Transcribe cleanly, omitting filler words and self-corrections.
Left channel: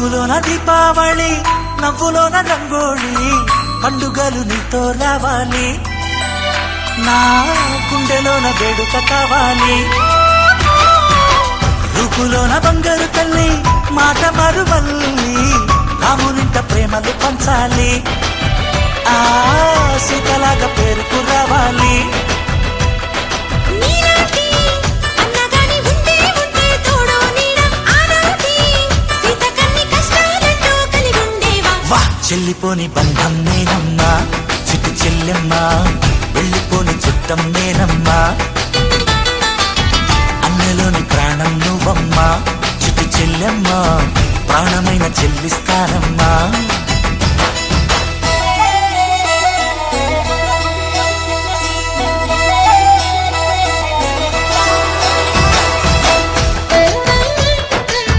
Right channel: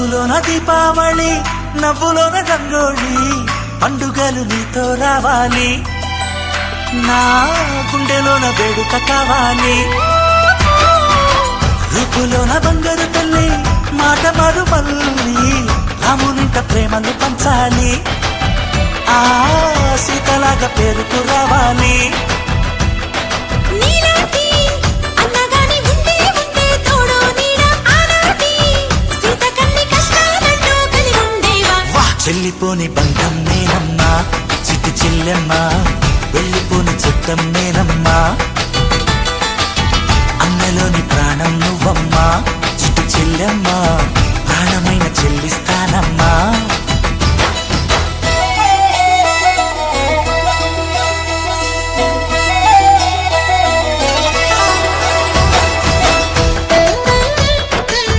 చూపులోన దీపావళి, నవ్వులోన రంగోళి, పండుగలు నీతో రావాలి, నా గుండెలోన వేడుక కావాలి. రూపులోన బంగారు తల్లి, మాట పరువల్లి, రామునింట ప్రేమలు పంచాలి, ఆ సీతలాగా పేరుకు రావాలి. వెళ్ళిపోని బంధం నేనమ్మా, చిట్టి చెల్లెమ్మా, వెళ్ళిపోని చిత్తం నేనమ్మా, అన్నలోని ప్రాణం నువ్వమ్మా.